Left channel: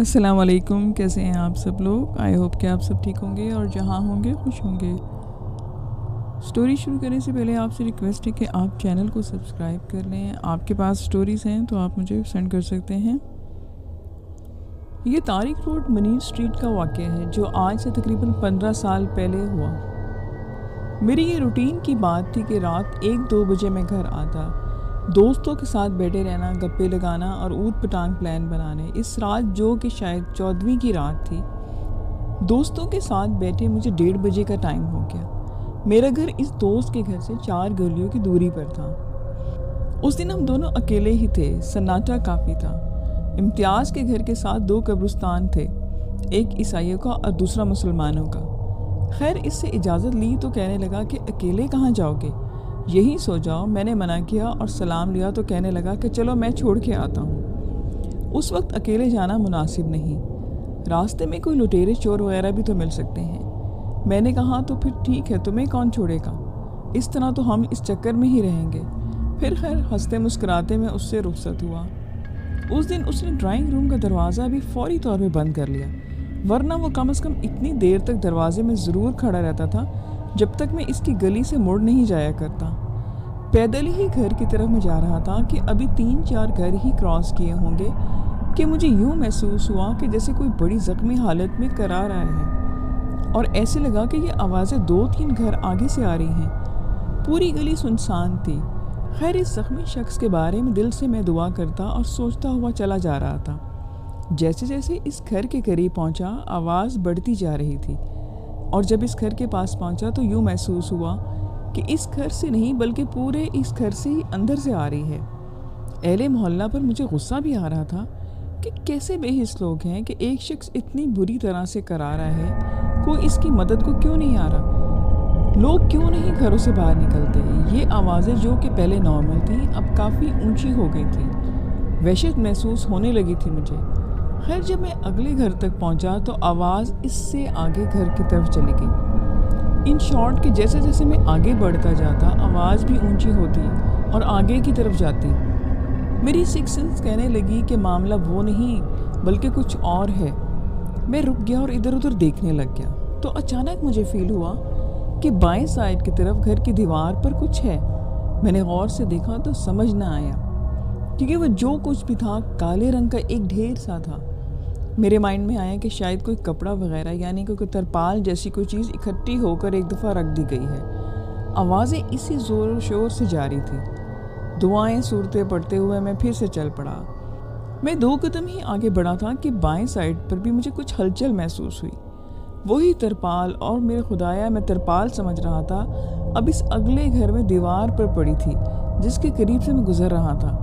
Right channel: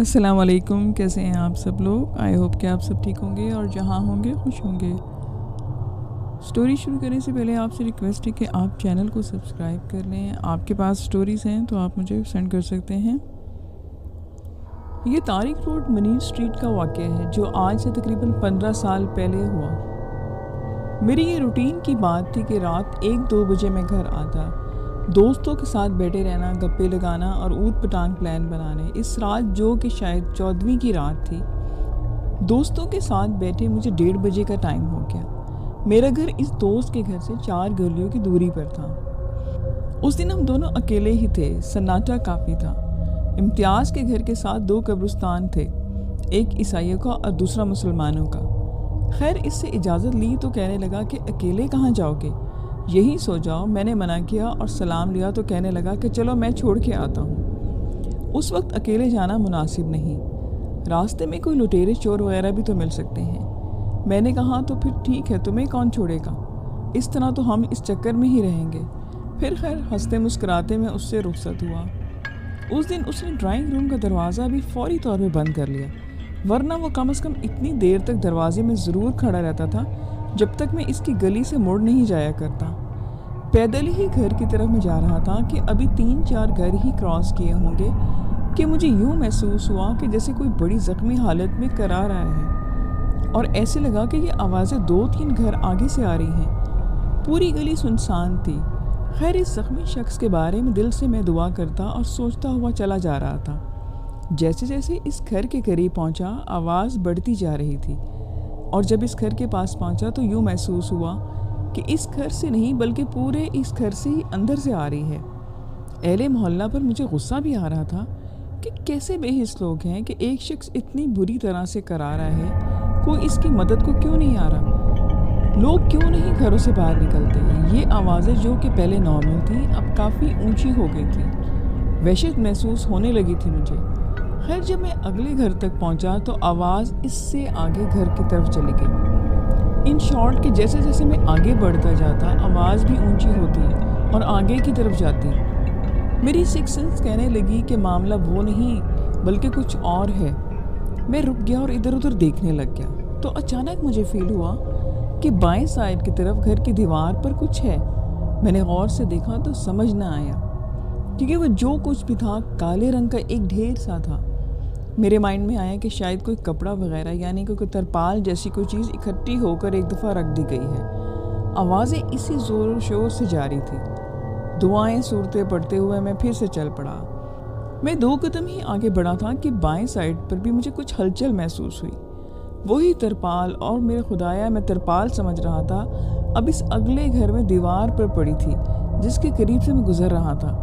السلام علیکم، کیسے ہیں آپ سب لوگ؟ آئی ہوپ کہ آپ سب ٹھیک ہوں گے اور جہاں ہوں گے خوش ہوں گے۔ سٹوری شروع کرنے سے پہلے آپ سے ریکویسٹ ہے کہ آپ چینل کو سبسکرائب کر لیں۔ آپ کے پاس سٹوریز ہیں تو آپ مجھے سینڈ کر سکتے ہیں۔ یہ طارق روڈ منیر اسٹریٹ کا واقعہ ہے جو آج سے تقریباً 15 سال پہلے ہوا۔ میری یہ روٹین کی بات تھی کہ رات 1-2 بجے میں گھر آتا، دوستوں کے ساتھ بیٹھے رہنا، گپے لگانا اور اوٹ پٹانگ پلان بنانے۔ اس رات جو کہ شاید 14ویں کی رات تھی، دوستوں کے ساتھ بیٹھے مجھے 1:30 بجے کا ٹائم ہو گیا۔ میرا گھر اس دوست کے گھر سے 4 گلیوں کی دوری پر تھا۔ اس دن ہم دونوں اکیلے ہی تھے، سناٹا کافی تھا۔ امتیاز کے گھر کے ساتھ 2 قبرستان تھے، ایک عیسائیوں کا اور دوسرا مسلمانوں کا۔ خیر اس سے اجازت لی تو کہنے لگا کہ اکیلے کہاں جاؤ گے، یہیں سو جاؤ۔ میں نے منع کیا اور سلام لیا تو کہنے لگا کہ چلو میں چھوڑ کے آتا ہوں۔ اس وقت اکیلے جانا مناسب نہیں، راستے میں کوئی لٹیرے چور وغیرہ بھی تو مل سکتے ہیں۔ میں نے کہا تو پھر ٹھیک ہے، تمہیں کون چھوڑے گا، اس طرح تو ہم اس چکر میں ہی رہیں گے۔ پھر خیر ہنستے مسکراتے میں اس سے رخصت ہوا۔ اس دن اس نے ڈرائنگ روم کا دروازہ بھی فوری طور پہ بند کر لیا، ورنہ وہ کم از کم اتنی دیر تک دروازے میں ضرور کھڑا رہتا تھا جب تک میں اس کی گلی سے مڑ نہیں جایا کرتا۔ پیدل ہی گھر کی طرف میں جا رہا تھا کہ ابھی 3-4 گھر ہی کراس کیے ہوں گے کہ مجھے یوں محسوس ہوا کہ جیسے کوئی بڑی زخمی حالت میں کرا رہا ہے، اور ایسے لگا کہ یہ آوازیں 2-3 گھر آگے سے آ رہی ہیں۔ پوری گلی سنسان تھی۔ خیر اس زخمی شخص کے بارے میں دل سے میں دعا کرتا اور سوچتا ہوا چلا جا رہا تھا۔ جیسے جیسے اس گھر کے قریب پہنچا آواز بڑھتی جا رہی تھی، اور جب اس گھر کے پاس پہنچا تو یوں محسوس ہوا کہ اس گھر سے نہیں بلکہ پورے اس گھر سے ہی اندر سے آ رہی ہے۔ اہل محلہ پر مجھے غصہ بھی آ رہا تھا کہ کیسے بے حس لوگ ہیں کہ ایک شخص اتنی بری طرح سے کرا رہا ہے، کوئی اس کی مدد کو کیوں نہیں آ رہا، لوگ کیوں نہیں گھروں سے باہر نکلتے۔ یہ آوازیں جو کہ پہلے نارمل تھیں اب کافی اونچی ہو گئی تھیں۔ وحشت محسوس ہونے لگی تھی مجھے۔ خیر جب میں اگلے گھر تک پہنچا تو آواز اس سے آگے گھر کی طرف چلی گئی۔ ان شارٹ کہ جیسے جیسے میں آگے بڑھتا جاتا آواز بھی اونچی ہوتی اور آگے کی طرف جاتی۔ میری سکس سینس کہنے لگی کہ معاملہ وہ نہیں بلکہ کچھ اور ہے۔ میں رک گیا اور ادھر ادھر دیکھنے لگ گیا تو اچانک مجھے فیل ہوا کہ بائیں سائڈ کی طرف گھر کی دیوار پر کچھ ہے۔ میں نے غور سے دیکھا تو سمجھ نہ آیا، کیونکہ وہ جو کچھ بھی تھا کالے رنگ کا ایک ڈھیر سا تھا۔ میرے مائنڈ میں آیا کہ شاید کوئی کپڑا وغیرہ یعنی کوئی ترپال جیسی کوئی چیز اکٹھی ہو کر ایک دفعہ رکھ دی گئی ہے۔ آوازیں اسی زور و شور سے جاری تھی۔ دعائیں صورتیں پڑھتے ہوئے میں پھر سے چل پڑا۔ میں 2 قدم ہی آگے بڑھا تھا کہ بائیں سائڈ پر بھی مجھے کچھ ہلچل محسوس ہوئی۔ وہی ترپال، اور میرے خدایا میں ترپال سمجھ رہا تھا، اب اس اگلے گھر میں دیوار پر پڑی تھی جس کے قریب سے میں گزر رہا تھا۔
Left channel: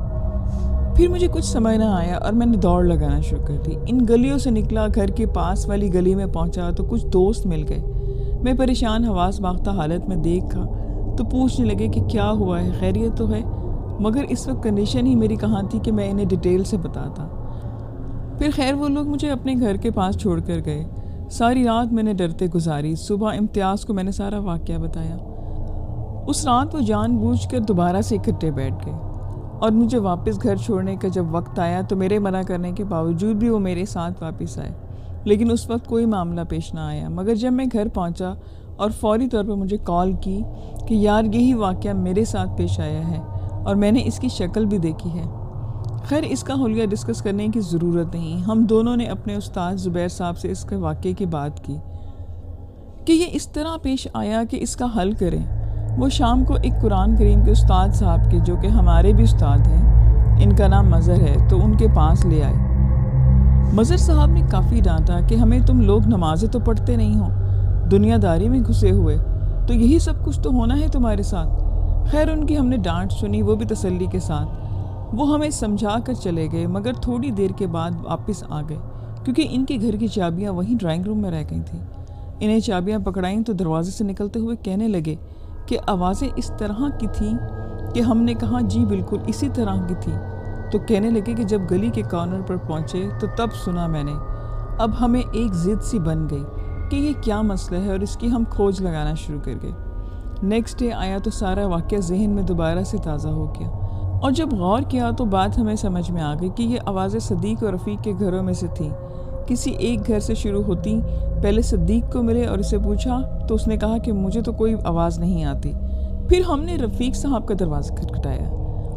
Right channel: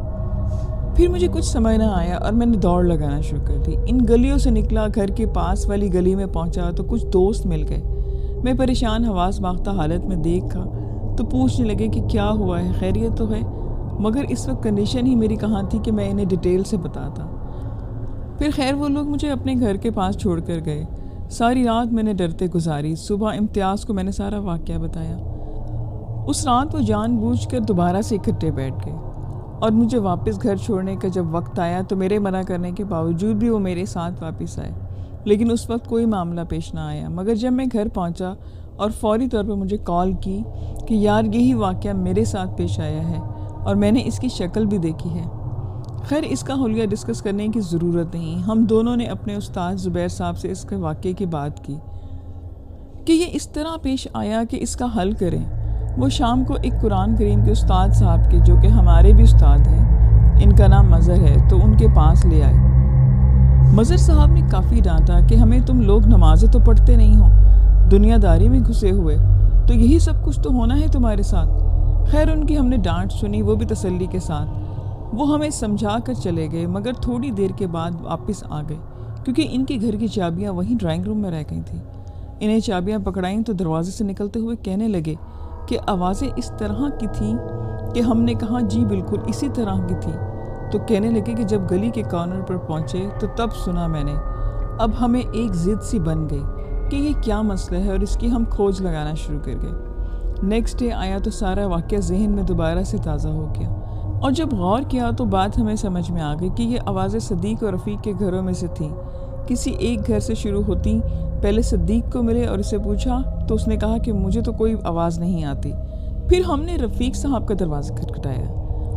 پھر مجھے کچھ سمجھ نہ آیا اور میں نے دوڑ لگانا شروع کر دی۔ ان گلیوں سے نکلا، گھر کے پاس والی گلی میں پہنچا تو کچھ دوست مل گئے۔ میں پریشان حواس باختہ حالت میں دیکھا تو پوچھنے لگے کہ کیا ہوا ہے، خیریت تو ہے، مگر اس وقت کنڈیشن ہی میری کہاں تھی کہ میں انہیں ڈیٹیل سے بتاتا۔ پھر خیر وہ لوگ مجھے اپنے گھر کے پاس چھوڑ کر گئے۔ ساری رات میں نے ڈرتے گزاری۔ صبح امتیاز کو میں نے سارا واقعہ بتایا۔ اس رات وہ جان بوجھ کر دوبارہ سے اکٹھے بیٹھ گئے، اور مجھے واپس گھر چھوڑنے کا جب وقت آیا تو میرے منع کرنے کے باوجود بھی وہ میرے ساتھ واپس آئے، لیکن اس وقت کوئی معاملہ پیش نہ آیا۔ مگر جب میں گھر پہنچا اور فوری طور پر مجھے کال کی کہ یار یہی واقعہ میرے ساتھ پیش آیا ہے اور میں نے اس کی شکل بھی دیکھی ہے۔ خیر اس کا حلیہ ڈسکس کرنے کی ضرورت نہیں، ہم دونوں نے اپنے استاد زبیر صاحب سے اس کے واقعے کی بات کی کہ یہ اس طرح پیش آیا کہ اس کا حل کریں۔ وہ شام کو ایک قرآن کریم کے استاد صاحب کے، جو کہ ہمارے بھی استاد ہیں، ان کا نام مظہر ہے، تو ان کے پاس لے آئے۔ مظہر صاحب نے کافی ڈانٹا کہ ہمیں تم لوگ نمازیں تو پڑھتے نہیں ہو، دنیا داری میں گھسے ہوئے، تو یہی سب کچھ تو ہونا ہے تمہارے ساتھ۔ خیر ان کی ہم نے ڈانٹ سنی، وہ بھی تسلی کے ساتھ۔ وہ ہمیں سمجھا کر چلے گئے، مگر تھوڑی دیر کے بعد واپس آ گئے، کیونکہ ان کے گھر کی چابیاں وہیں ڈرائنگ روم میں رہ گئی تھیں۔ انہیں چابیاں پکڑائیں تو دروازے سے نکلتے ہوئے کہنے لگے کہ آوازیں اس طرح کی تھیں کہ ہم نے کہا جی بالکل اسی طرح کی تھی، تو کہنے لگے کہ جب گلی کے کارنر پر پہنچے تو تب سنا میں نے۔ اب ہمیں ایک ضد سی بن گئی کہ یہ کیا مسئلہ ہے، اور اس کی ہم کھوج لگانا شروع کر گئے۔ نیکسٹ ڈے آیا تو سارا واقعہ ذہن میں دوبارہ سے تازہ ہو گیا، اور جب غور کیا تو بات ہمیں سمجھ میں آ گئی کہ یہ آوازیں صدیق اور رفیق کے گھروں میں سے تھیں۔ کسی ایک گھر سے شروع ہوتی۔ پہلے صدیق کو ملے اور اسے پوچھا تو اس نے کہا کہ مجھے تو کوئی آواز نہیں آتی۔ پھر ہم نے رفیق صاحب کا دروازہ کھٹکھٹایا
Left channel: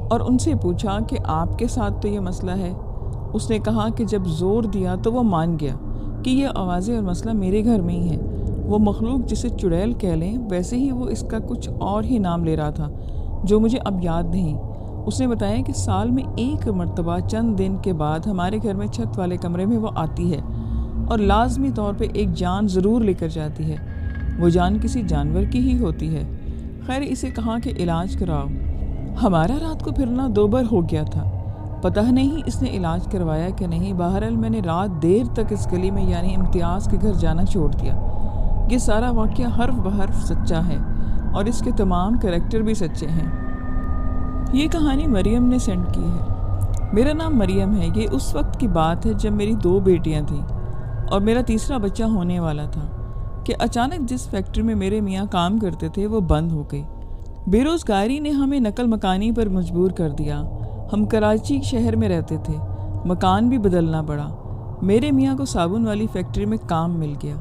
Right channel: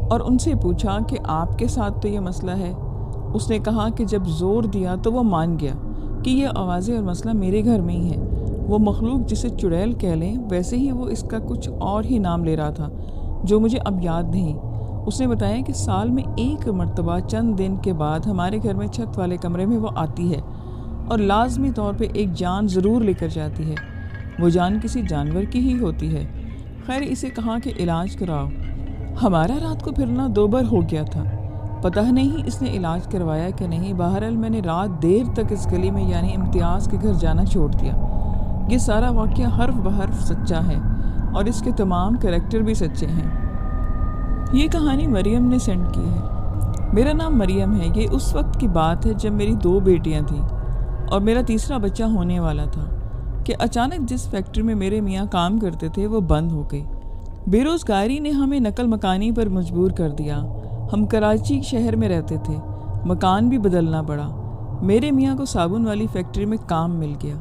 اور ان سے پوچھا کہ آپ کے ساتھ تو یہ مسئلہ ہے۔ اس نے کہا کہ جب زور دیا تو وہ مان گیا کہ یہ آوازیں اور مسئلہ میرے گھر میں ہی ہے۔ وہ مخلوق جسے چڑیل کہہ لیں، ویسے ہی وہ اس کا کچھ اور ہی نام لے رہا تھا جو مجھے اب یاد نہیں۔ اس نے بتایا کہ سال میں ایک مرتبہ چند دن کے بعد ہمارے گھر میں چھت والے کمرے میں وہ آتی ہے اور لازمی طور پہ ایک جان ضرور لے کر جاتی ہے۔ وہ جان کسی جانور کی ہی ہوتی ہے۔ خیر، اسے کہا کہ علاج کراؤ۔ ہمارا رات کو پھرنا دوبر ہو گیا تھا۔ پتہ نہیں اس نے علاج کروایا کہ نہیں۔ بہرحال میں نے رات دیر تک اس گلی میں یعنی امتیاز کے گھر جانا چھوڑ دیا۔ یہ سارا واقعہ حرف بحرف سچا ہے اور اس کے تمام کریکٹر بھی سچے ہیں۔ یہ کہانی مریم نے سینڈ کی ہے۔ میرا نام مریم ہے۔ یہ اس وقت کی بات ہے جب میری 2 بیٹیاں تھیں اور میرا تیسرا بچہ ہونے والا تھا کہ اچانک جس فیکٹری میں میرے میاں کام کرتے تھے وہ بند ہو گئی۔ بے روزگاری نے ہمیں نقل مکانی پر مجبور کر دیا۔ ہم کراچی شہر میں رہتے تھے، مکان بھی بدلنا پڑا۔ میرے میاں کو صابن والی فیکٹری میں کام مل گیا۔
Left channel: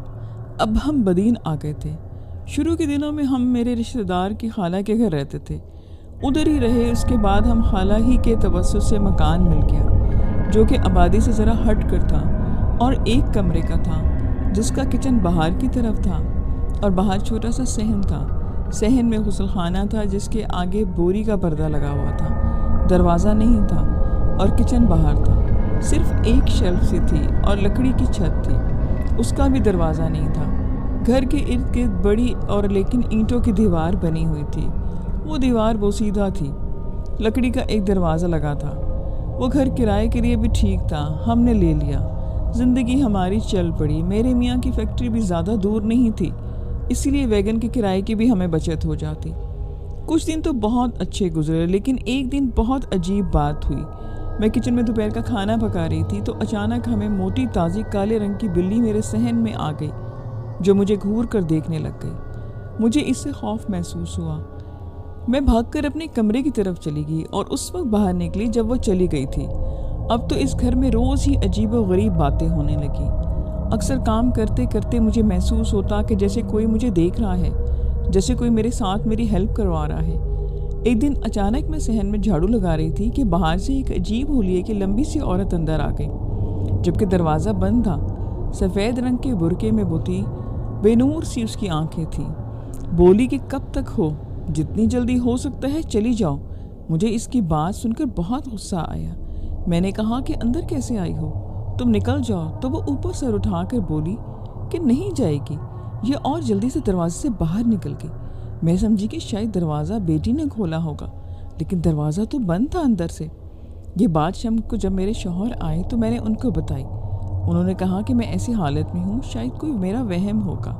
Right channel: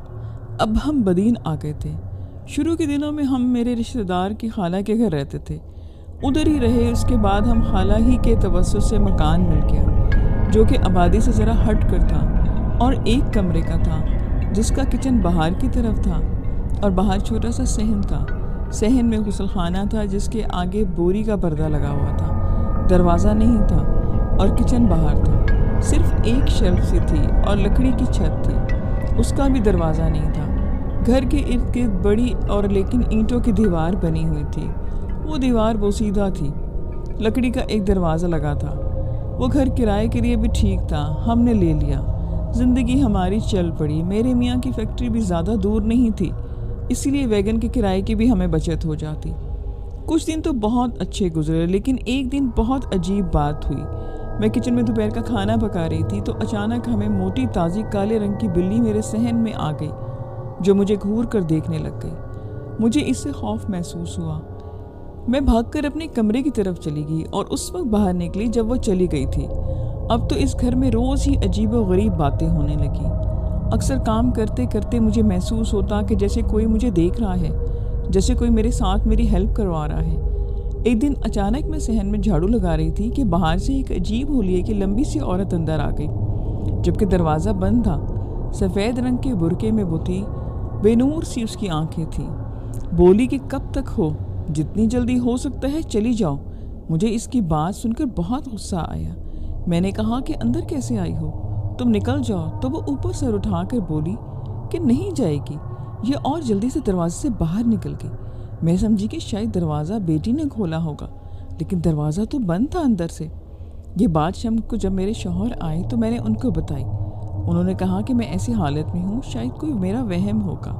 اب ہم بدین آ گئے تھے۔ شروع کے دنوں میں ہم میرے رشتہ دار کی خالہ کے گھر رہتے تھے، ادھر ہی رہے۔ اس کے بعد ہم خالہ ہی کے توسط سے مکان مل گیا جو کہ آبادی سے ذرا ہٹ کر تھا اور 1 کمرے کا تھا جس کا کچن باہر کی طرف تھا اور باہر چھوٹا سا صحن تھا۔ صحن میں غسل خانہ تھا جس کے آگے بوری کا پردہ لگا ہوا تھا، دروازہ نہیں تھا اور کچن باہر تھا۔ صرف 1 شیلف سی تھی اور لکڑی کی چھت تھی، اس کا بھی دروازہ نہیں تھا۔ گھر کے ارد گرد بڑی اور لیکن اینٹوں کی دیوار بنی ہوئی تھی۔ وہ دیوار بوسیدہ تھی، لکڑی کا ایک دروازہ لگا تھا۔ وہ گھر کرائے کے لیے بھی ٹھیک تھا، ہم نے لے لیا۔ زندگی ہماری چل پڑی۔ میرے میاں کی فیکٹری بھی زیادہ دور نہیں تھی، اسی لیے ویگن کے کرائے کی بھی ہمیں بچت ہو جاتی۔ کچھ دن تو بہت اچھے گزرے، لیکن ایک دن بہت عجیب بات ہوئی۔ میں کچن میں دوپہر کا کھانا پکا رہی تھی تو اچانک ہمیں موٹی تازی کالے رنگ کی بلی میرے صحن میں آ گئی جو مجھے گھور کر دیکھنے لگ گئی۔ مجھے اس سے خوف محسوس ہوا۔ میں بھاگ کر اپنے کمرے کی طرف چلی گئی اور اس وقت باہر نکلی جب وہ چلی گئی تھی۔ اب تو اس گھر میں روز ہی عجیب و غریب باتیں ہونے لگی۔ اکثر کام کرتے کرتے مجھے محسوس ہوتا کہ جیسے کوئی مجھے دیکھ رہا ہے، جیسے کوئی میرے ساتھ میری ہیلپ کروا رہا ہے۔ ایک دن اچانک میں صحن میں جھاڑو لگا رہی تھی کہ باہر سے ایک عجیب حلیے کی لمبی سی عورت اندر آ گئی، جبکہ دروازہ بند تھا۔ سفید رنگ کے برقعے میں وہ تھی، بے نور سی اس کی آنکھیں تھیں۔ بولی کہ کب تک ہو، جتنی جلدی ہو سکتا ہے چلی جاؤ۔ مجھے اس کی بات سن کر بہت غصہ آیا۔ میں نے کہا کہ اندر کیسے آئی ہو، تم نکل جاؤ۔ تو وہ اوپر سر اٹھا کر بولی کہ نہیں جائے گی، یہ اور جلدی سے دروازے سے باہر نکل گئی۔ میں سمجھی کہ شاید دروازہ بیٹی نے کھولا ہوگا، لیکن دروازہ تو بند تھا اندر سے۔ یہ بات شام کو جب میرے شوہر آئے تو میں نے ان کو بتائی۔ انہوں نے کہا کہ میں ایسی حالت میں ہوں، شاید کوئی میرا وہم ہوگا۔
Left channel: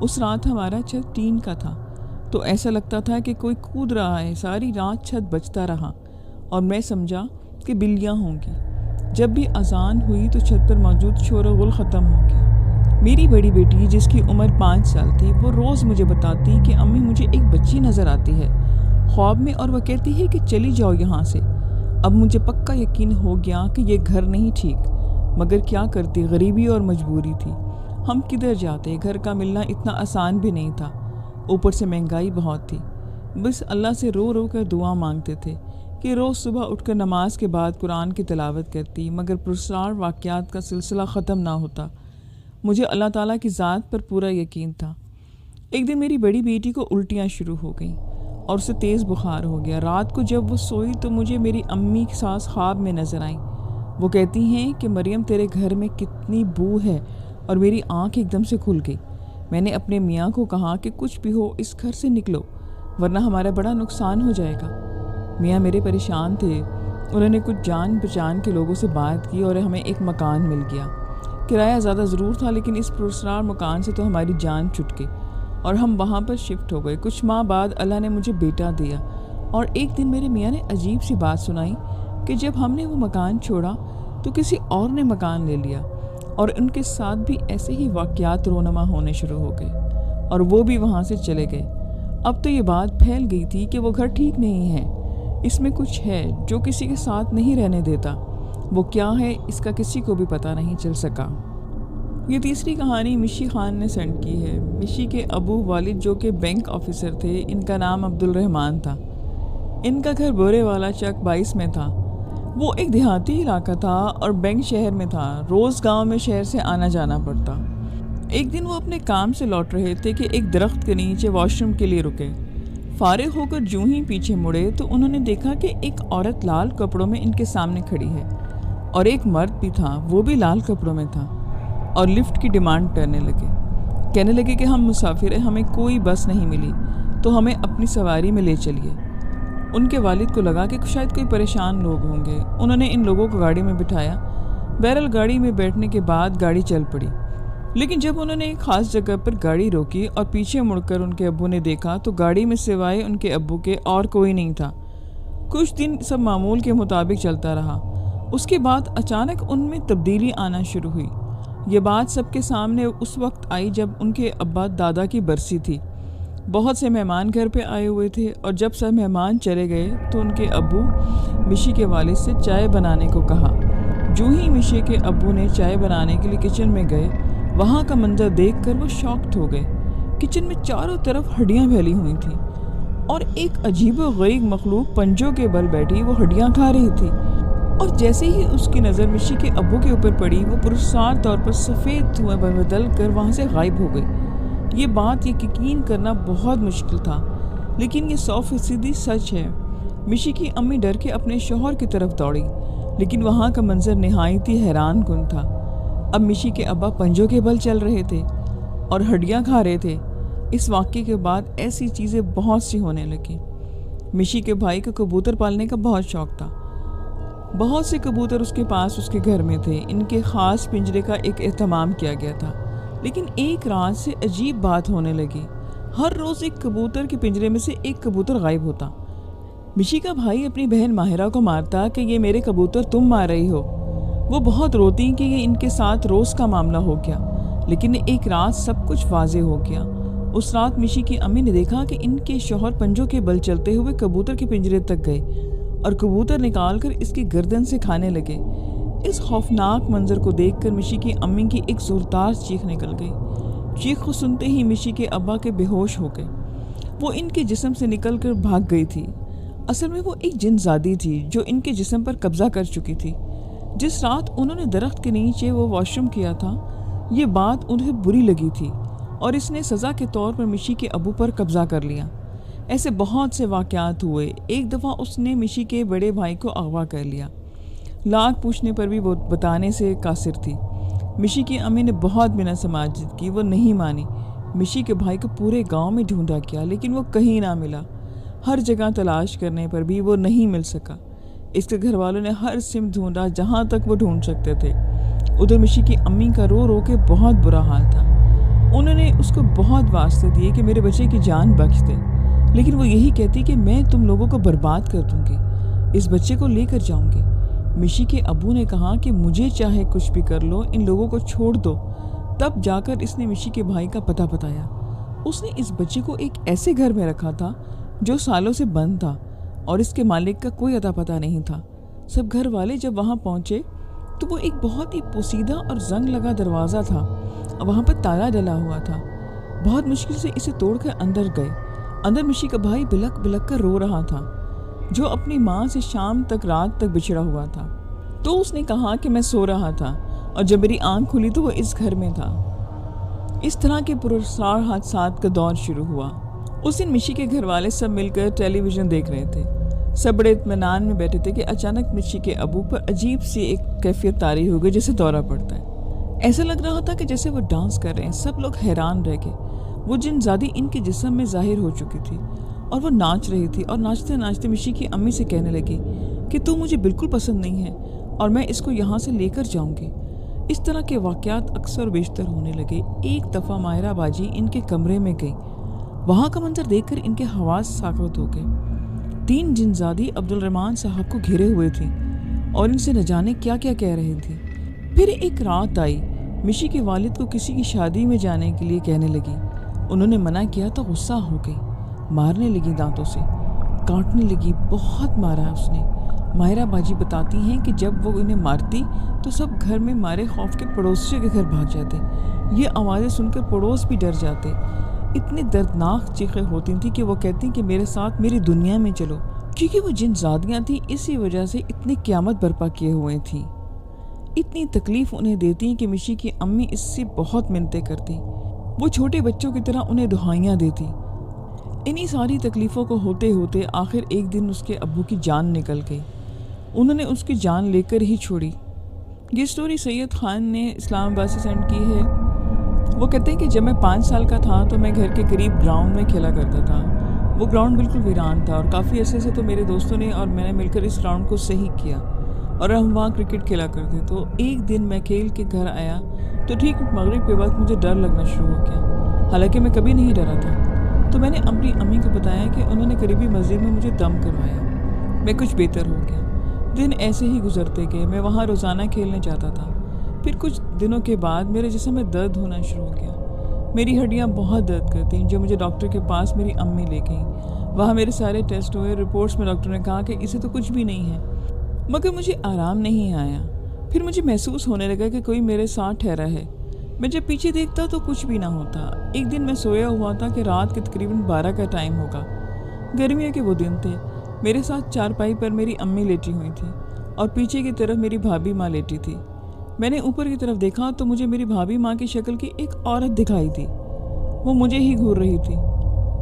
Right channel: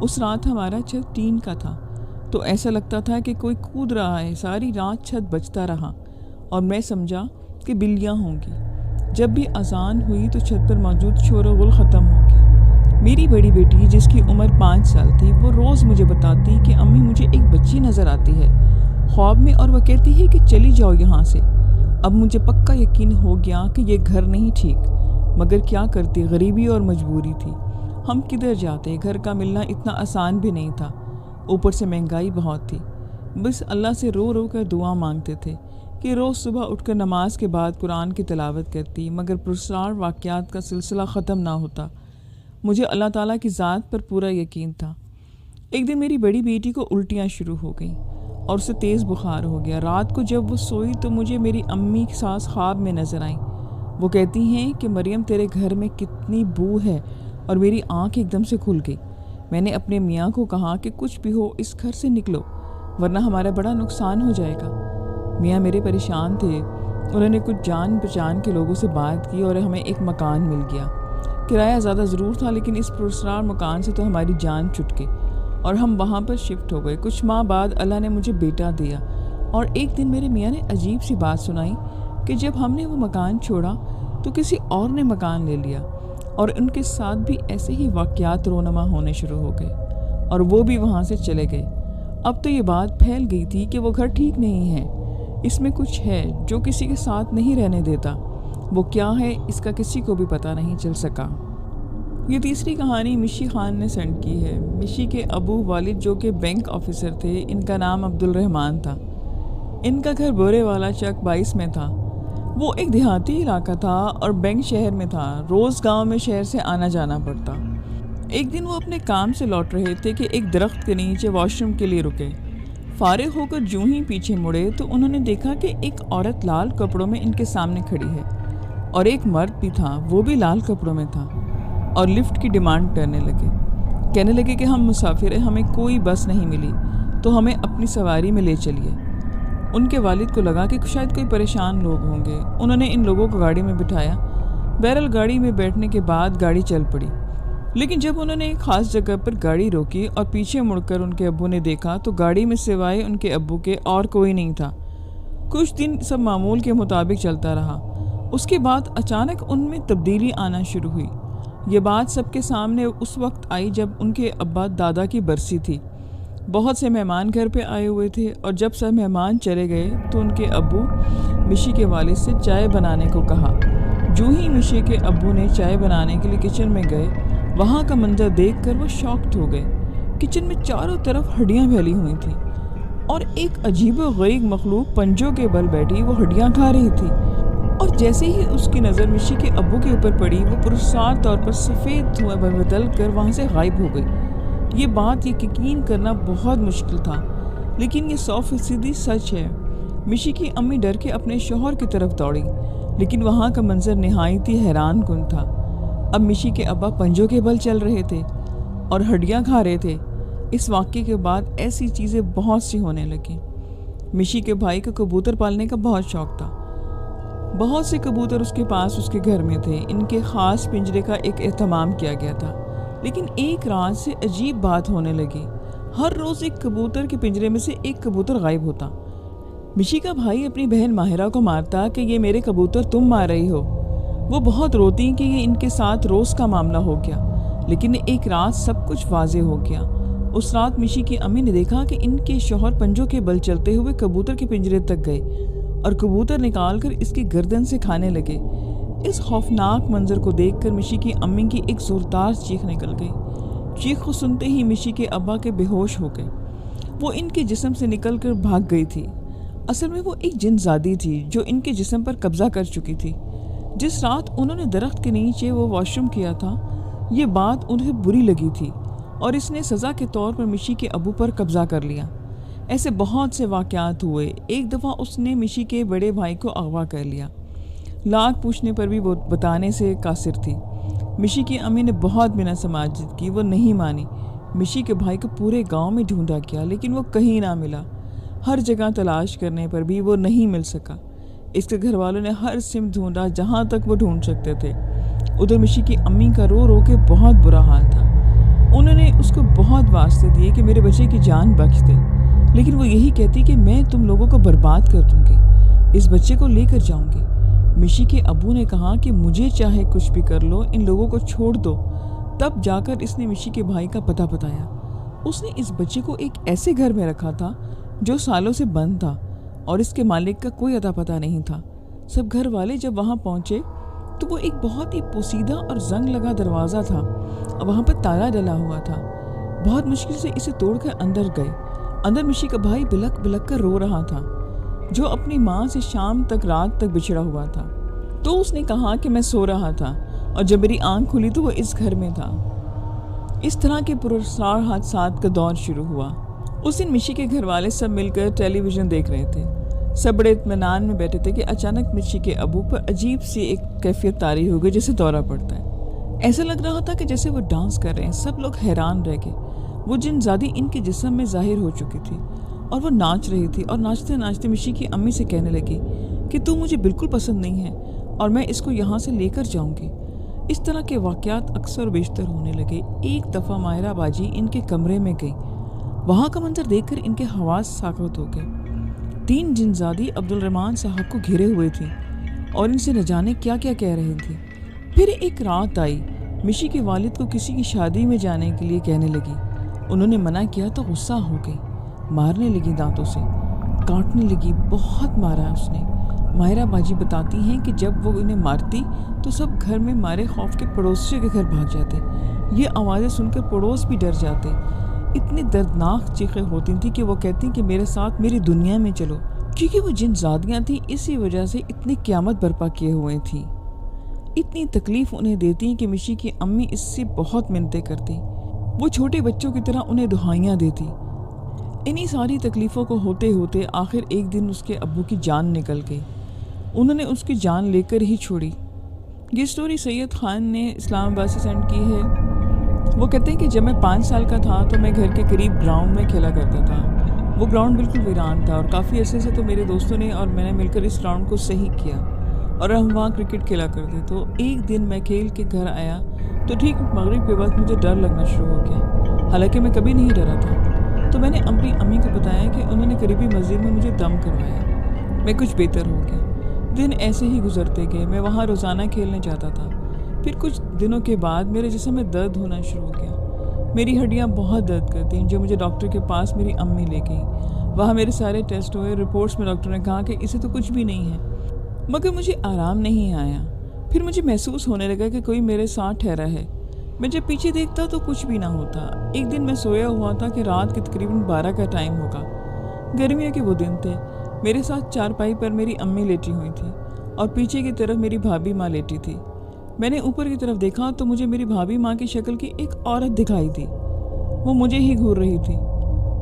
اس رات ہمارا چھت ٹین کا تھا تو ایسا لگتا تھا کہ کوئی کود رہا ہے۔ ساری رات چھت بجتا رہا اور میں سمجھا کہ بلیاں ہوں گی۔ جب بھی اذان ہوئی تو چھت پر موجود شور و غل ختم ہو گیا۔ میری بڑی بیٹی جس کی عمر 5 سال تھی، وہ روز مجھے بتاتی کہ امی مجھے ایک بچی نظر آتی ہے خواب میں، اور وہ کہتی ہے کہ چلی جاؤ یہاں سے۔ اب مجھے پکا یقین ہو گیا کہ یہ گھر نہیں ٹھیک، مگر کیا کرتی، غریبی اور مجبوری تھی۔ ہم کدھر جاتے، گھر کا ملنا اتنا آسان بھی نہیں تھا، اوپر سے مہنگائی بہت تھی۔ بس اللہ سے رو رو کر دعا مانگتے تھے کہ روز صبح اٹھ کر نماز کے بعد قرآن کی تلاوت کرتی، مگر پرسرار واقعات کا سلسلہ ختم نہ ہوتا۔ مجھے اللہ تعالیٰ کی ذات پر پورا یقین تھا۔ ایک دن میری بڑی بیٹی کو الٹیاں شروع ہو گئیں اور اسے تیز بخار ہو گیا۔ رات کو جب وہ سوئی تو مجھے میری امی کے ساتھ خواب میں نظر آئیں۔ وہ کہتی ہیں کہ مریم تیرے گھر میں کتنی بو ہے، اور میری آنکھ ایک دم سے کھل گئی۔ میں نے اپنے میاں کو کہا کہ کچھ بھی ہو اس گھر سے نکلو ورنہ ہمارا بڑا نقصان ہو جائے گا۔ میاں میرے پریشان تھے۔ انہوں نے کچھ جان پہچان کے لوگوں سے بات کی اور ہمیں ایک مکان مل گیا۔ کرایہ زیادہ ضرور تھا، لیکن اس پرسرار مکان سے تو ہماری جان چھٹ گئی اور ہم وہاں پر شفٹ ہو گئے۔ کچھ ماہ بعد اللہ نے مجھے بیٹا دیا، اور ایک دن میرے میاں نے عجیب سی بات سنائی کہ جب ہم نے وہ مکان چھوڑا تو کسی اور نے مکان لے لیا، اور ان کے ساتھ بھی ایسے ہی واقعات رونما ہونے شروع ہو گئے اور وہ بھی وہاں سے چلے گئے۔ اب تو یہ بات پھیل گئی تھی کہ وہ گھر ٹھیک نہیں ہے، اس میں کچھ ہے جو کسی کے ساتھ نہیں رہنے دیتا۔ وہ کیا ہے اس کا کسی کو بھی پتہ نہیں چل سکا۔ یہ تیسری کہانی مشی خان نے سینڈ کی ہے۔ مشی کے ابو والد جو کہ بینک آفیسر تھے، ان کا نام عبدالرحمان تھا۔ ان کا گھر بورے والا چک 22 میں تھا۔ وہ ایک دیہاتی علاقہ تھا اور بینک شہر میں تھا۔ روز گاؤں میں شہر سے آنا جانا پڑتا۔ ایک دن وہ اپنے کام سے لوٹ رہے تھے کہ ایک درخت کے نیچے واش روم کے لیے رکے۔ فارغ ہو کر جوں ہی پیچھے مڑے تو انہوں نے دیکھا کہ ایک عورت لال کپڑوں میں ان کے سامنے کھڑی ہے اور ایک مرد بھی تھا، وہ بھی لال کپڑوں میں تھا، اور لفٹ کی ڈیمانڈ کرنے لگے۔ کہنے لگے کہ ہم مسافر ہیں، ہمیں کوئی بس نہیں ملی تو ہمیں اپنی سواری میں لے چلیے۔ ان کے والد کو لگا کہ شاید کوئی پریشان لوگ ہوں گے۔ انہوں نے ان لوگوں کو گاڑی میں بٹھایا۔ بہرحال گاڑی میں بیٹھنے کے بعد گاڑی چل پڑی، لیکن جب انہوں نے ایک خاص جگہ پر گاڑی روکی اور پیچھے مڑ کر ان کے ابو نے دیکھا تو گاڑی میں سوائے ان کے ابو کے اور کوئی نہیں تھا۔ کچھ دن سب معمول کے مطابق چلتا رہا۔ اس کے بعد اچانک ان میں تبدیلی آنا شروع ہوئی۔ یہ بات سب کے سامنے اس وقت آئی جب ان کے ابا دادا کی برسی تھی۔ بہت سے مہمان گھر پہ آئے ہوئے تھے اور جب سب مہمان چلے گئے تو ان کے ابو مشی کے والد سے چائے بنانے کو کہا۔ جو ہی مشی کے ابو نے چائے بنانے کے لیے کچن میں گئے، وہاں کا منظر دیکھ کر وہ شاکڈ ہو گئے۔ کچن میں چاروں طرف ہڈیاں پھیلی ہوئی تھیں اور ایک عجیب و غریب مخلوق پنجوں کے بل بیٹھی وہ ہڈیاں کھا رہی تھی، اور جیسے ہی اس کی نظر مشی کے ابو کے اوپر پڑی، وہ پرسرار طور پر سفید دھوئیں بدل کر وہاں سے غائب ہو گئی۔ یہ بات یقین کرنا بہت مشکل تھا، لیکن یہ 100% سچ ہے۔ مشی کی امی ڈر کے اپنے شوہر کی طرف دوڑی، لیکن وہاں کا منظر نہایت ہی حیران کن تھا۔ اب مشی کے ابا پنجوں کے بل چل رہے تھے اور ہڈیاں کھا رہے تھے۔ اس واقعے کے بعد ایسی چیزیں بہت سی ہونے لگیں۔ مشی کے بھائی کو کبوتر پالنے کا بہت شوق تھا۔ بہت سے کبوتر اس کے پاس اس کے گھر میں تھے۔ ان کے خاص پنجرے کا ایک اہتمام کیا گیا تھا، لیکن ایک رات سے عجیب بات ہونے لگی۔ ہر روز ایک کبوتر کے پنجرے میں سے ایک کبوتر غائب ہوتا۔ مشی کا بھائی اپنی بہن ماہرہ کو مارتا کہ یہ میرے کبوتر تم مار رہی ہو۔ وہ بہت روتی کہ یہ ان کے ساتھ روز کا معاملہ ہو گیا، لیکن ایک رات سب کچھ واضح ہو گیا۔ اس رات مشی کی امی نے دیکھا کہ ان کے شوہر پنجوں کے بل چلتے ہوئے کبوتر کے پنجرے تک گئے اور کبوتر نکال کر اس کی گردن سے کھانے لگے۔ اس خوفناک منظر کو دیکھ کر مشی کی امی کی ایک زوردار چیخ نکل گئی۔ چیخ کو سنتے ہی مشی کے ابا کے بے ہوش ہو گئے۔ وہ ان کے جسم سے نکل کر بھاگ گئی تھی۔ اصل میں وہ ایک جن زادی تھی جو ان کے جسم پر قبضہ کر چکی تھی۔ جس رات انہوں نے درخت کے نیچے وہ واش روم کیا تھا، یہ بات انہیں بری لگی تھی اور اس نے سزا کے طور پر مشی کے ابو پر قبضہ کر لیا۔ ایسے بہت سے واقعات ہوئے۔ ایک دفعہ اس نے مشی کے بڑے بھائی کو اغوا کر لیا۔ لاکھ پوچھنے پر بھی وہ بتانے سے قاصر تھی۔ مشی کی امی نے بہت بنا سماجت کی، وہ نہیں مانی۔ مشی کے بھائی کو پورے گاؤں میں ڈھونڈا کیا، لیکن وہ کہیں نہ ملا۔ ہر جگہ تلاش کرنے پر بھی وہ نہیں مل سکا۔ اس کے گھر والوں نے ہر سمت ڈھونڈا جہاں تک وہ ڈھونڈ سکتے تھے۔ ادھر مشی کی امی کا رو رو کے بہت برا حال تھا۔ انہوں نے اس کو بہت واسطے دیے کہ میرے بچے کی جان بخش دے، لیکن وہ یہی کہتی کہ میں تم لوگوں کو برباد کر دوں گی، اس بچے کو لے کر جاؤں گی۔ مشی کے ابو نے کہا کہ مجھے چاہے کچھ بھی کر لو، ان لوگوں کو چھوڑ دو۔ تب جا کر اس نے مشی کے بھائی کا پتہ بتایا۔ اس نے اس بچے کو ایک ایسے گھر میں رکھا تھا جو سالوں سے بند تھا اور اس کے مالک کا کوئی اتا پتہ نہیں تھا۔ سب گھر والے جب وہاں پہنچے تو وہ ایک بہت ہی پوسیدہ اور زنگ لگا دروازہ تھا اور وہاں پر تالا ڈلا ہوا تھا۔ بہت مشکل سے اسے توڑ کر اندر گئے۔ اندر مشی کا بھائی بلک بلک کر رو رہا تھا، جو اپنی ماں سے شام تک رات تک بچھڑا ہوا تھا۔ تو اس نے کہا کہ میں سو رہا تھا اور جب میری آنکھ کھلی تو وہ اس گھر میں تھا۔ اس طرح کے پراسرار حادثات کا دور شروع ہوا۔ اس دن مشی کے گھر والے سب مل کر ٹیلی ویژن دیکھ رہے تھے۔ سب بڑے اطمینان میں بیٹھے تھے کہ اچانک مشی کے ابو پر عجیب سی ایک کیفیت طاری ہو گئی جیسے دورہ پڑتا ہے۔ ایسا لگ رہا تھا کہ جیسے وہ ڈانس کر رہے ہیں۔ سب لوگ حیران رہ گئے۔ وہ جن زادی ان کے جسم میں ظاہر ہو چکی تھی اور وہ ناچ رہی تھی، اور ناچتے ناچتے مشی کی امی سے کہنے لگی کہ تو مجھے بالکل پسند نہیں ہے اور میں اس کو یہاں سے لے کر جاؤں گی۔ اس طرح کے واقعات اکثر و بیشتر ہونے لگے۔ ایک دفعہ ماہرہ باجی ان کے کمرے میں گئی۔ وہاں کا منظر دیکھ کر ان کے حواس ساکت ہو گئے۔ 3 جنزادی عبدالرحمان صاحب کو گھیرے ہوئے تھیں اور ان سے نہ جانے کیا کیا کہہ رہی تھی۔ پھر ایک رات آئی، مشی کے والد کو کسی کی شادی میں جانے کے لیے کہنے لگی۔ انہوں نے منع کیا تو غصہ ہو گئی، مارنے لگی، دانتوں سے کاٹنے لگی، بہت مارا اس نے۔ ماہرہ باجی بتاتی ہیں کہ جب وہ انہیں مارتی تو سب گھر میں مارے خوف کے پڑوسیوں کے گھر بھاگ جاتے. یہ آوازیں سن کر پڑوس بھی ڈر جاتے. اتنی دردناک چیخیں ہوتی تھیں کہ وہ کہتی کہ میرے ساتھ میری دنیا میں چلو. کیونکہ وہ جن زادیاں تھیں اسی وجہ سے اتنی قیامت برپا کیے ہوئے تھیں. اتنی تکلیف انہیں دیتی کہ مشی کی امی اس سے بہت منتیں کرتی. وہ چھوٹے بچوں کی طرح انہیں دہائیاں دیتی. انہی ساری تکلیفوں کو ہوتے ہوتے آخر ایک دن اس کے ابو کی جان نکل گئی. انہوں نے اس کی جان لے کر ہی چھوڑی. یہ سٹوری سید خان نے اسلام آباد سے سینڈ کی ہے. وہ کہتے ہیں کہ جب میں 5 سال کا تھا تو میں گھر کے قریب گراؤنڈ میں کھیلا کرتا تھا. وہ گراؤنڈ بالکل ویران تھا اور کافی عرصے سے تو میرے دوستوں نے اور میں نے مل کر اس گراؤنڈ کو صحیح کیا اور ہم وہاں کرکٹ کھیلا کرتے. تو ایک دن میں کھیل کے گھر آیا تو ٹھیک مغرب کے وقت مجھے ڈر لگنا شروع ہو گیا. حالانکہ میں کبھی نہیں ڈرا تھا. تو میں نے اپنی امی کو بتایا کہ انہوں نے قریبی مسجد میں مجھے دم کروایا. میں کچھ بہتر ہو گیا. دن ایسے ہی گزرتے گئے. میں وہاں روزانہ کھیلنے جاتا تھا. پھر کچھ دنوں کے بعد میرے جسم میں درد ہونا شروع ہو گیا. میری ہڈیاں بہت درد کرتیں جو مجھے ڈاکٹر کے پاس میری امی لے گئیں. وہاں میرے سارے ٹیسٹ ہوئے. رپورٹس میں ڈاکٹر نے کہا کہ اسے تو کچھ بھی نہیں ہے. مگر مجھے آرام نہیں آیا. پھر مجھے محسوس ہونے لگا کہ کوئی میرے ساتھ ٹھہرا ہے. میں جب پیچھے دیکھتا تو کچھ بھی نہ ہوتا. ایک دن میں سویا ہوا تھا کہ رات کے تقریباً 12 کا ٹائم ہوگا. گرمیوں کے وہ دن تھے. میرے ساتھ چارپائی پر میری امی لیٹی ہوئی تھی اور پیچھے کی طرف میری بھابھی ماں لیٹی تھی. میں نے اوپر کی طرف دیکھا تو مجھے میری بھابھی ماں کی شکل کی ایک عورت دکھائی تھی. وہ مجھے ہی گھور رہی تھی.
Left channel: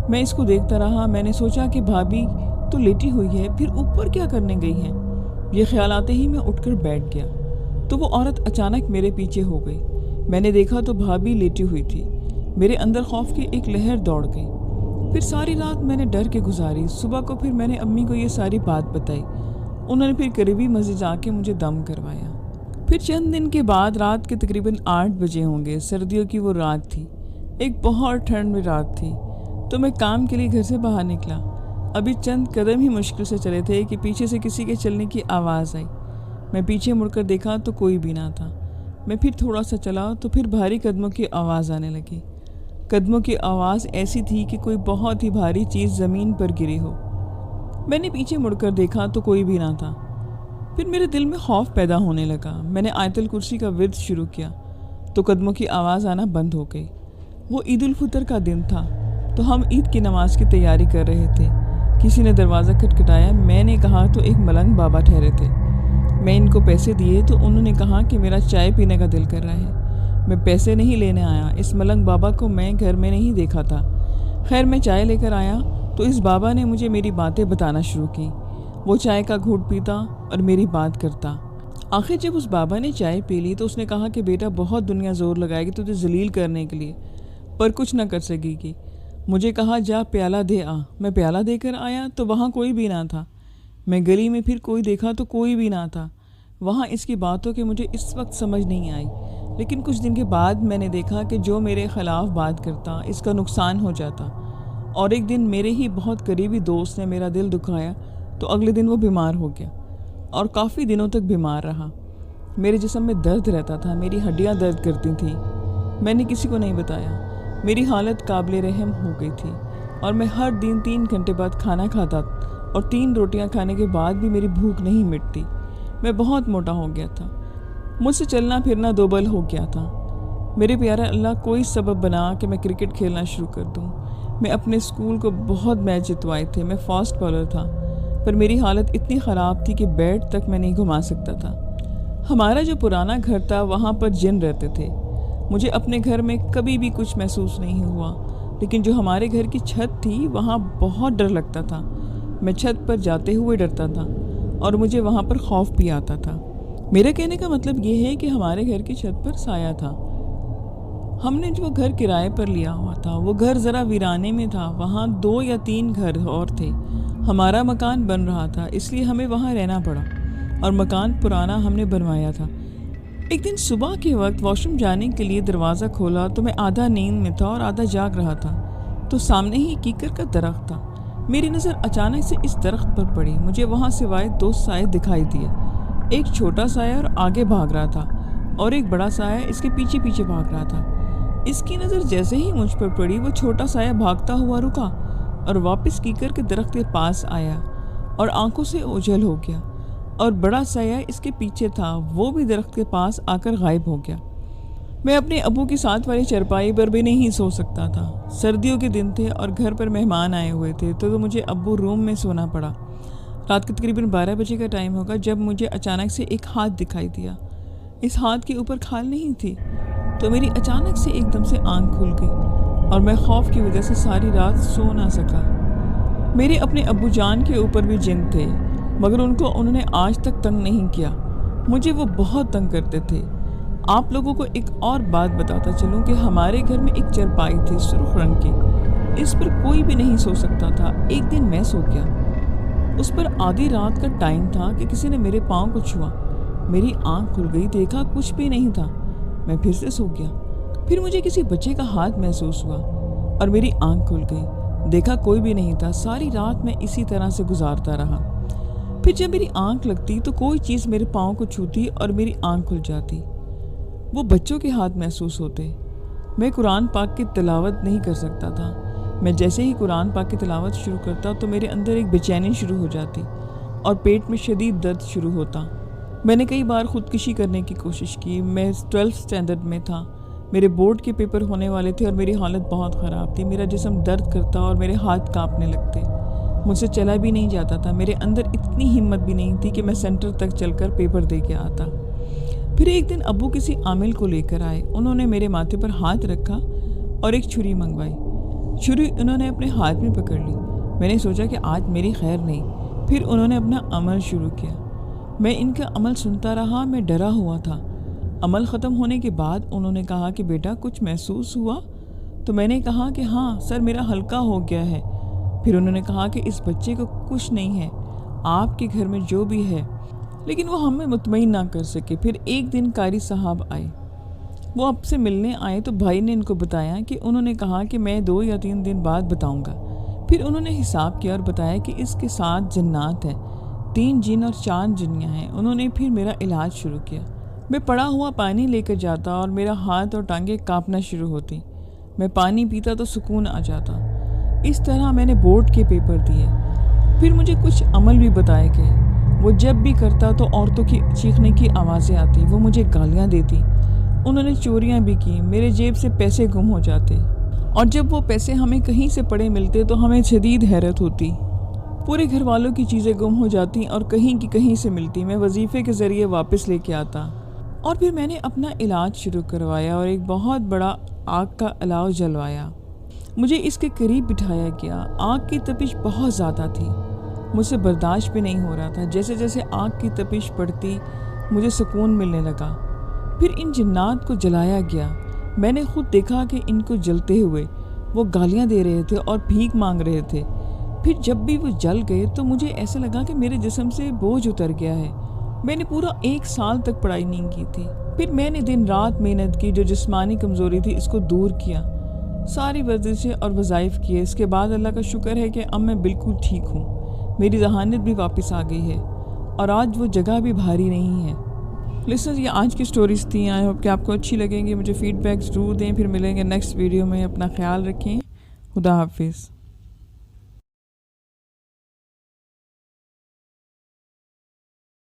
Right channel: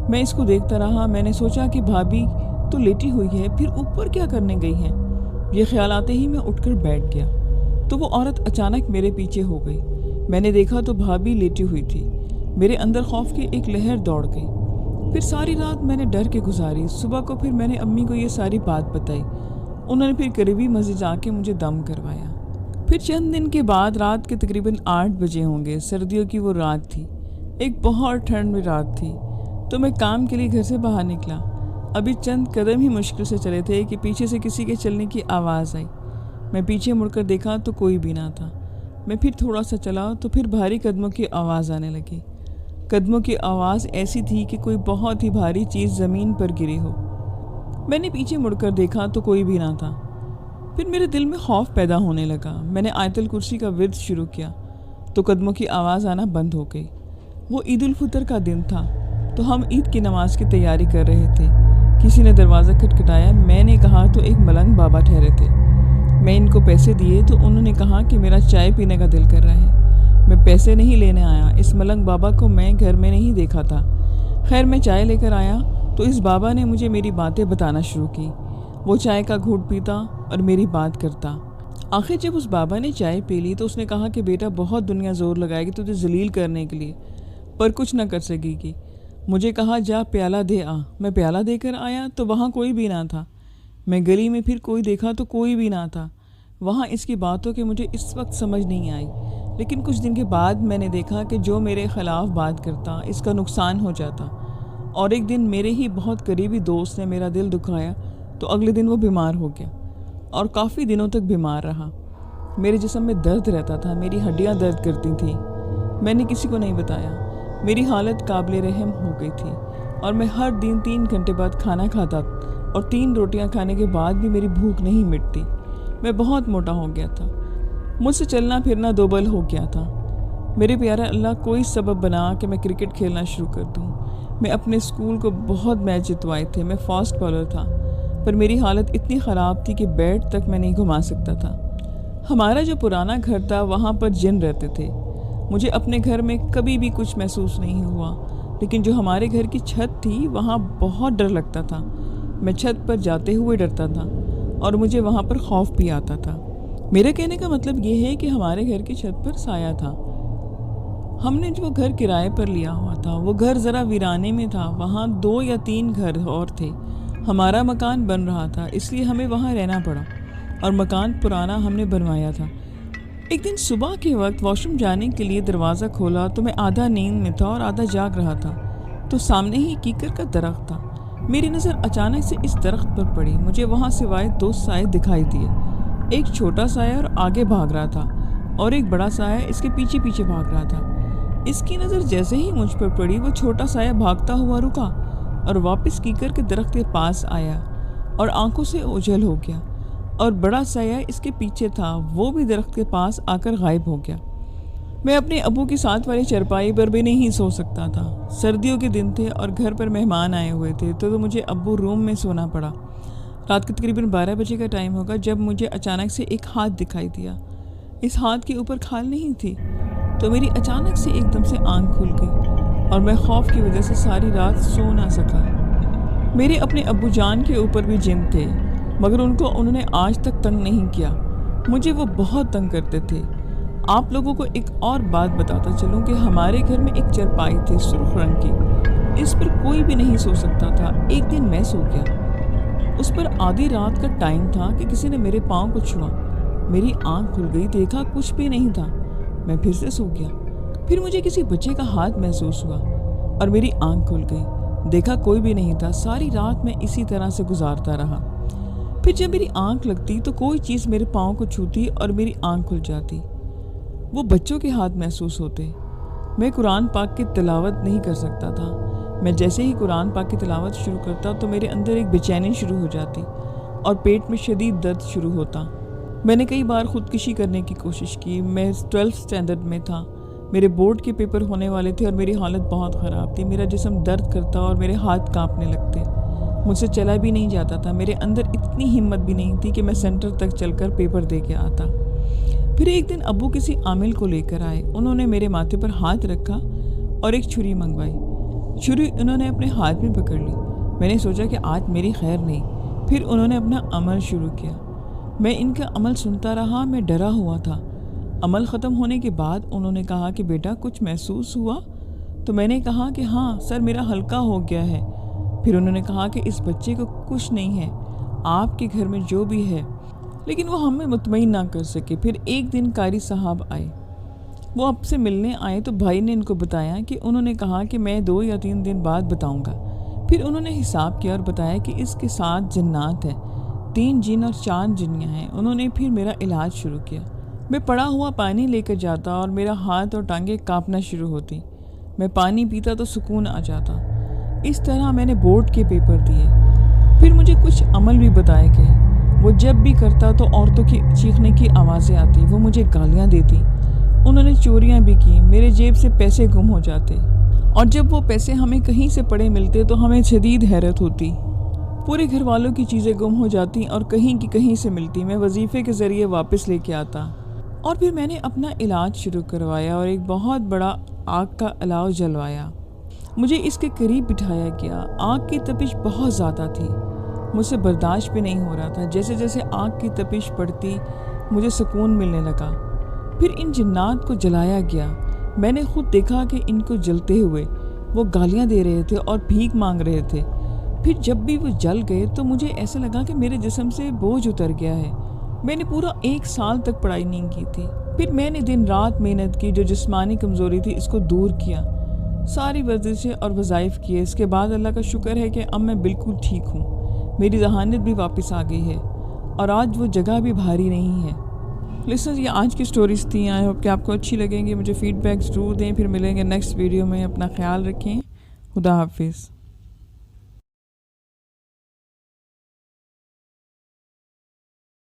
میں اس کو دیکھتا رہا. میں نے سوچا کہ بھابھی تو لیٹی ہوئی ہے, پھر اوپر کیا کرنے گئی ہے. یہ خیال آتے ہی میں اٹھ کر بیٹھ گیا تو وہ عورت اچانک میرے پیچھے ہو گئی. میں نے دیکھا تو بھابھی لیٹی ہوئی تھی. میرے اندر خوف کی ایک لہر دوڑ گئی. پھر ساری رات میں نے ڈر کے گزاری. صبح کو پھر میں نے امی کو یہ ساری بات بتائی. انہوں نے پھر قریبی مسجد جا کے مجھے دم کروایا. پھر چند دن کے بعد رات کے تقریباً 8 بجے ہوں گے. سردیوں کی وہ رات تھی. ایک بہت ٹھنڈ میں رات تھی. تو میں کام کے لیے گھر سے باہر نکلا. ابھی چند قدم ہی مشکل سے چلے تھے کہ پیچھے سے کسی کے چلنے کی آواز آئی. میں پیچھے مڑ کر دیکھا تو کوئی بھی نہ تھا. میں پھر تھوڑا سا چلا تو پھر بھاری قدموں کی آواز آنے لگی. قدموں کی آواز ایسی تھی کہ کوئی بہت ہی بھاری چیز زمین پر گری ہو. میں نے پیچھے مڑ کر دیکھا تو کوئی بھی نہ تھا. پھر میرے دل میں خوف پیدا ہونے لگا. میں نے آیت الکرسی کا ورد شروع کیا تو قدموں کی آواز آنا بند ہو گئی. وہ عید الفطر کا دن تھا تو ہم عید کی نماز کی تیاری کر رہے تھے. کسی نے دروازہ کھٹکھٹایا. میں نے کہا تو ایک ملنگ بابا ٹھہرے تھے. میں ان کو پیسے دیے تو انہوں نے کہا کہ میرا چائے پینے کا دل کر رہا ہے. میں پیسے نہیں لینے آیا. اس ملنگ بابا کو میں گھر میں نہیں دیکھا تھا. خیر میں چائے لے کر آیا تو اس بابا نے مجھے میری باتیں بتانا شروع کی. وہ چائے کا گھونٹ پیتا اور میری بات کرتا. آخر جب اس بابا نے چائے پی لی تو اس نے کہا کہ بیٹا بہت دنیا زور لگائے گی تجھے ذلیل کرنے کے لیے پر کچھ نہ کر سکے گی. مجھے کہا جا پیالہ دے آ. میں پیالہ دے کر آیا تو وہاں کوئی بھی نہ تھا. میں گلی میں پھر کوئی دیکھا تو کوئی بھی نہ تھا. وہاں اس کی باتوں کی مجھے اس وقت سمجھ نہیں آئی. لیکن کچھ دن کے بعد میں نے دیکھا کہ جو میرے خلاف بات کرتا اس کا نقصان ہو جاتا. اور ایک دن میرے ہی بہت قریبی دوست نے میرا دل دکھایا تو اگلے دن وہ بیمار ہو گیا اور کافی دنوں تک بیمار رہا. میرے جسم میں درد رہتا تھا. میری ہڈیاں درد کرتی تھیں. میں نے کسی کو نہیں بتایا. میری حالت قابل رحم ہو گئی تھی اور میں ہر دن 3 گھنٹے بعد کھانا کھاتا اور 3 روٹیاں کھانے کے بعد بھی میری بھوک نہیں مٹتی. میں بہت موٹا ہو گیا تھا. مجھ سے چلنا پھرنا دوبل ہو گیا تھا. میرے پیارا اللہ کوئی سبب بنا کہ میں کرکٹ کھیلنا شروع کر دوں. میں اپنے اسکول کو بہت میچ جتوائے تھے. میں فاسٹ بالر تھا پر میری حالت اتنی خراب تھی کہ بیٹ تک میں نہیں گھما سکتا تھا. ہمارا جو پرانا گھر تھا وہاں پر جن رہتے تھے. مجھے اپنے گھر میں کبھی بھی کچھ محسوس نہیں ہوا لیکن جو ہمارے گھر کی چھت تھی وہاں بہت ڈر لگتا تھا. میں چھت پر جاتے ہوئے ڈرتا تھا اور مجھے وہاں پر خوف بھی آتا تھا. میرے کہنے کا مطلب یہ ہے کہ ہمارے گھر کی چھت پر سایہ تھا. ہم نے جو گھر کرائے پر لیا ہوا تھا وہ گھر ذرا ویرانے میں تھا. وہاں 2 یا 3 گھر اور تھے. ہمارا مکان بن رہا تھا اس لیے ہمیں وہاں رہنا پڑا اور مکان پرانا ہم نے بنوایا تھا. ایک دن صبح کے وقت واش روم جانے کے لیے دروازہ کھولا تو میں آدھا نیند میں تھا اور آدھا جاگ رہا تھا. تو سامنے ہی کیکر کا درخت تھا. میری نظر اچانک سے اس درخت پر پڑی. مجھے وہاں سوائے 2 سائے دکھائی دیے. ایک چھوٹا سایہ اور آگے بھاگ رہا تھا اور ایک بڑا سایہ اس کے پیچھے پیچھے بھاگ رہا تھا. اس کی نظر جیسے ہی مجھ پر پڑی وہ چھوٹا سایہ بھاگتا ہوا رکا اور واپس کیکر کے درخت کے پاس آیا اور آنکھوں سے اوجھل ہو گیا اور بڑا سایہ اس کے پیچھے تھا، وہ بھی درخت کے پاس آ کر غائب ہو گیا۔ میں اپنے ابو کی ساتھ والی چرپائی پر بھی نہیں سو سکتا تھا۔ سردیوں کے دن تھے اور گھر پر مہمان آئے ہوئے تھے تو مجھے ابو روم میں سونا پڑا۔ رات کے تقریباً 12 بجے کا ٹائم ہوگا جب مجھے اچانک سے ایک ہاتھ دکھائی دیا۔ اس ہاتھ کے اوپر کھال نہیں تھی، تو میری اچانک سے ایک دم سے آنکھ کھل گئی اور میں خوف کی وجہ سے ساری رات سو نہ سکا۔ میرے اپنے ابو جان کے اوپر بھی جن تھے، مگر انہوں نے آج تک تنگ نہیں کیا۔ مجھے وہ بہت تنگ کرتے تھے۔ آپ لوگوں کو ایک اور بات بتاتا چلوں کہ ہمارے گھر میں ایک چرپائی تھی سرخ رنگ کی، اس پر کوئی بھی نہیں سو سکتا تھا۔ ایک دن میں سو گیا، اس پر آدھی رات کا ٹائم تھا کہ کسی نے میرے پاؤں کو چھوا۔ میری آنکھ کھل گئی، دیکھا کچھ بھی نہیں تھا۔ میں پھر سے سو گیا، پھر مجھے کسی بچے کا ہاتھ محسوس ہوا اور میری آنکھ کھل گئی، دیکھا کوئی بھی نہیں تھا۔ ساری رات میں اسی طرح سے گزارتا رہا۔ پھر جب میری آنکھ لگتی تو کوئی چیز میرے پاؤں کو چھوتی اور میری آنکھ کھل جاتی۔ وہ بچوں کے ہاتھ محسوس ہوتے۔ میں قرآن پاک کی تلاوت نہیں کر سکتا تھا۔ میں جیسے ہی قرآن پاک کی تلاوت شروع کرتا تو میرے اندر ایک بے چینی شروع ہو جاتی اور پیٹ میں شدید درد شروع ہوتا۔ میں نے کئی بار خودکشی کرنے کی کوشش کی۔ میں 12th اسٹینڈرڈ میں تھا، میرے بورڈ کے پیپر ہونے والے تھے اور میری حالت بہت خراب تھی۔ میرا جسم درد کرتا اور میرے ہاتھ کانپنے لگتے، مجھ سے چلا بھی نہیں جاتا تھا۔ میرے اندر اتنی ہمت بھی نہیں تھی کہ میں سینٹر تک چل کر پیپر دے کے آتا۔ پھر ایک دن ابو کسی عامل کو لے کر آئے۔ انہوں نے میرے ماتھے پر ہاتھ رکھا اور ایک چھری منگوائی۔ چھری انہوں نے اپنے ہاتھ میں پکڑ لی۔ میں نے سوچا کہ آج میری خیر نہیں۔ پھر انہوں نے اپنا عمل شروع کیا۔ میں ان کا عمل سنتا رہا، میں ڈرا ہوا تھا۔ عمل ختم ہونے کے بعد انہوں نے کہا کہ بیٹا کچھ محسوس ہوا؟ تو میں نے کہا کہ ہاں سر، میرا ہلکا ہو گیا ہے۔ پھر انہوں نے کہا کہ اس بچے کو کچھ نہیں ہے، آپ کے گھر میں جو بھی ہے، لیکن وہ ہمیں مطمئن نہ کر سکے۔ پھر ایک دن قاری صاحب آئے، وہ اب سے ملنے آئے تو بھائی نے ان کو بتایا کہ انہوں نے کہا کہ میں 2 یا 3 دن بعد بتاؤں گا۔ پھر انہوں نے حساب کیا اور بتایا کہ اس کے ساتھ جنات ہیں، 3 جن اور 4 جنیاں ہیں۔ انہوں نے پھر میرا علاج شروع کیا۔ میں پڑا ہوا پانی لے کر جاتا اور میرا ہاتھ اور ٹانگیں کانپنا شروع ہوتی۔ میں پانی پیتا تو سکون آ جاتا۔ اس طرح میں نے بورڈ کے پیپر دیے۔ پھر مجھے کچھ عمل بھی بتائے گئے۔ وہ جب بھی کرتا تو عورتوں کی چیخنے کی آوازیں آتی، وہ مجھے گالیاں دیتی۔ انہوں نے چوریاں بھی کی، میرے جیب سے پیسے گم ہو جاتے، اور جب وہ پیسے ہمیں کہیں سے پڑے ملتے تو ہمیں شدید حیرت ہوتی۔ پورے گھر والوں کی چیزیں گم ہو جاتی اور کہیں کی کہیں سے ملتی۔ میں وظیفے کے ذریعے واپس لے کے آتا، اور پھر میں نے اپنا علاج شروع کروایا اور ایک بہت بڑا آگ کا الاؤ جلوایا۔ مجھے اس کے قریب بٹھایا گیا۔ آگ کی تپش بہت زیادہ تھی، مجھ سے برداشت بھی نہیں ہو رہا تھا۔ جیسے جیسے آگ کی تپش بڑھتی مجھے سکون ملنے لگا۔ پھر ان جنات کو جلایا گیا۔ میں نے خود دیکھا کہ ان کو جلتے ہوئے وہ گالیاں دے رہے تھے اور بھیک مانگ رہے تھے۔ پھر جب بھی وہ جل گئے تو مجھے ایسا لگا کہ میرے جسم سے بوجھ اتر گیا ہے۔ میں نے پورا 1 سال تک پڑھائی نہیں کی تھی۔ پھر میں نے دن رات محنت کی، جو جسمانی کمزوری تھی اس کو دور کیا، ساری ورزشیں اور وظائف کیے۔ اس کے بعد اللہ کا شکر ہے کہ اب میں بالکل ٹھیک ہوں، میری ذہانت بھی واپس آ گئی ہے اور آج وہ جگہ بھی بھاری نہیں ہے۔ لسنرز، یہ آج کی سٹوریز تھیں۔ آئی ہوپ کہ آپ کو اچھی لگیں گی۔ مجھے فیڈ بیک ضرور دیں۔ پھر ملیں گے نیکسٹ ویڈیو میں۔ اپنا خیال رکھیں۔ خدا حافظ۔